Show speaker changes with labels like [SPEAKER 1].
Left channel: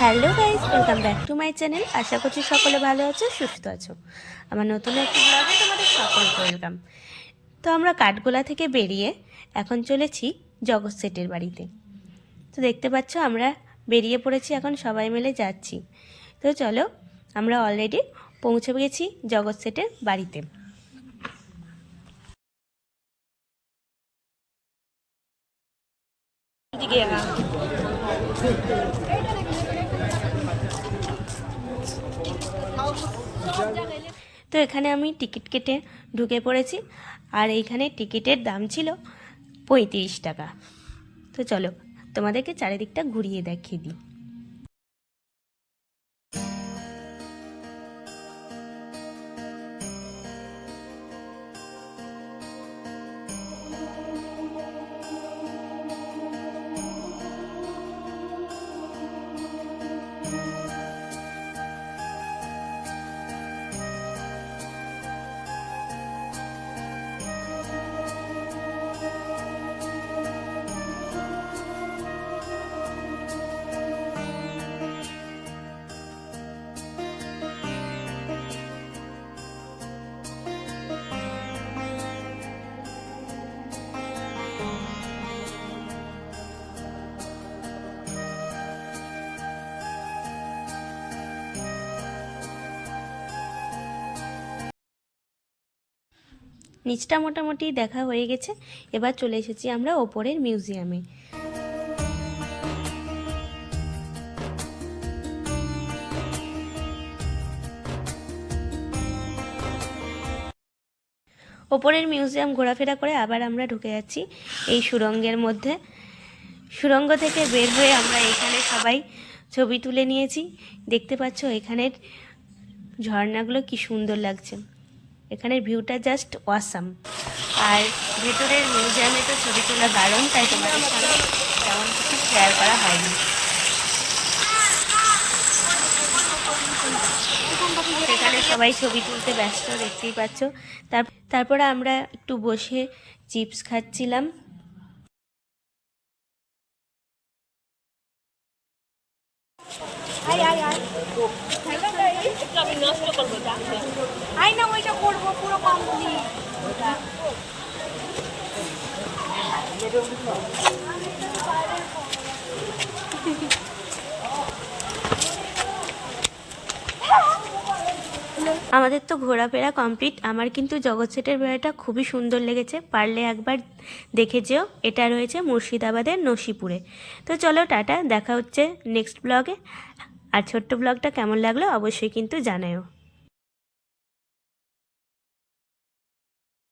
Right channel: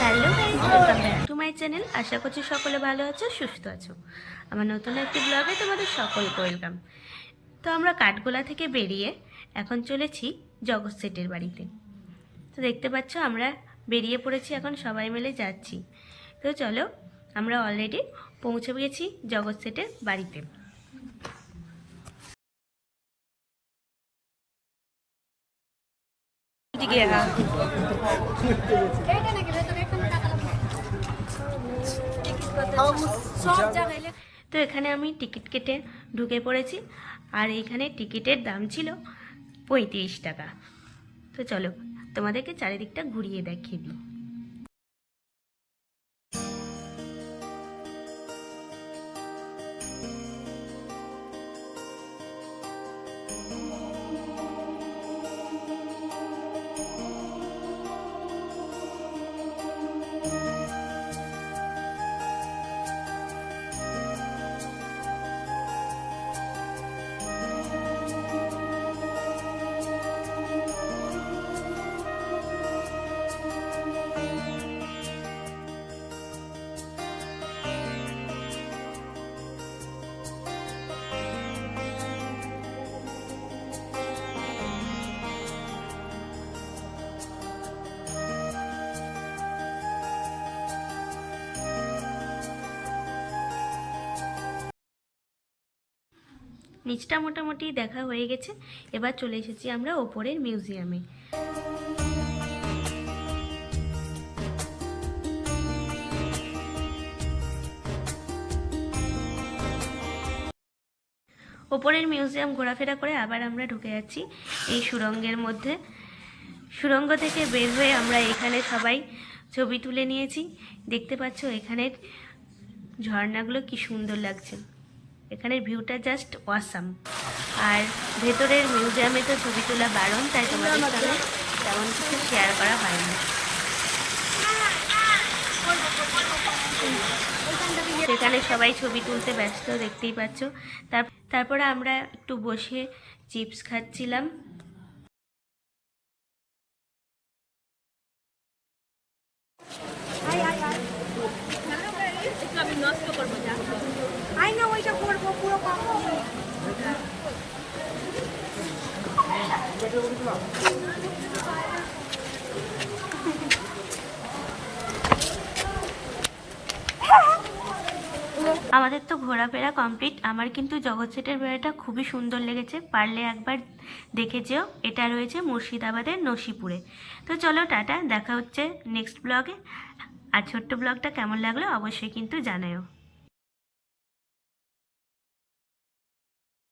[SPEAKER 1] Hello guys welcome back to my channel আশা করছি সকলে ভালো আছো, সুস্থ আছো। আমার নতুন একটি ব্লগে তোমাদের সকলকে ওয়েলকাম তো আমরা কাঠগোলা থেকে বেরিয়ে এখন চলেছি জগৎ সেটের বাড়িতে। তো দেখতে পাচ্ছ আমরা বেরিয়ে পড়েছি, এখন সবাই মিলে যাচ্ছি। তো চলো, আমরা অলরেডি পৌঁছে গেছি জগৎ সেটের বাড়িতে। তো এখানে আমি টিকিট কেটে ঢুকে পড়েছি, আর এইখানে টিকিটের দাম ছিল পঁয়ত্রিশ টাকা। তো চলো তোমাদেরকে চারিদিকটা ঘুরিয়ে দেখিয়ে দিই। নিচটা মোটামুটি দেখা হয়ে গেছে। এবার চলে এসেছি আমরা ওপরের মিউজিয়ামে। ওপরের মিউজিয়াম ঘোরাফেরা করে আবার আমরা ঢুকে যাচ্ছি এই সুরঙ্গের মধ্যে। সুরঙ্গ থেকে বের হয়ে আমরা এখানে সবাই ছবি তুলে নিয়েছি। দেখতে পাচ্ছ এখানের ঝর্ণাগুলো কি সুন্দর লাগছে। এখানের ভিউটা জাস্ট ওয়াসাম আর ভেতরের মিউজিয়ামে তো ছবি তোলা দারুণ, তাই তোমাদের সঙ্গে তেমন কিছু শেয়ার করা হয়নি। সেখানে সবাই ছবি তুলতে ব্যস্ত, দেখতেই পাচ্ছ। তার, তারপরে আমরা একটু বসে চিপস খাচ্ছিলাম।
[SPEAKER 2] আই না ওইটা করব পুরো কমপ্লিট
[SPEAKER 1] আমাদের তো ঘোরাফেরা কমপ্লিট। আমার কিন্তু জগৎ সেটের বেড়াটা খুবই সুন্দর লেগেছে। পারলে একবার দেখে যেও। এটা রয়েছে মুর্শিদাবাদের নসিপুরে। তো চলো টাটা দেখা হচ্ছে নেক্সট ব্লগে আর ছোট্ট ব্লগটা কেমন লাগল অবশ্যই কিন্তু জানাও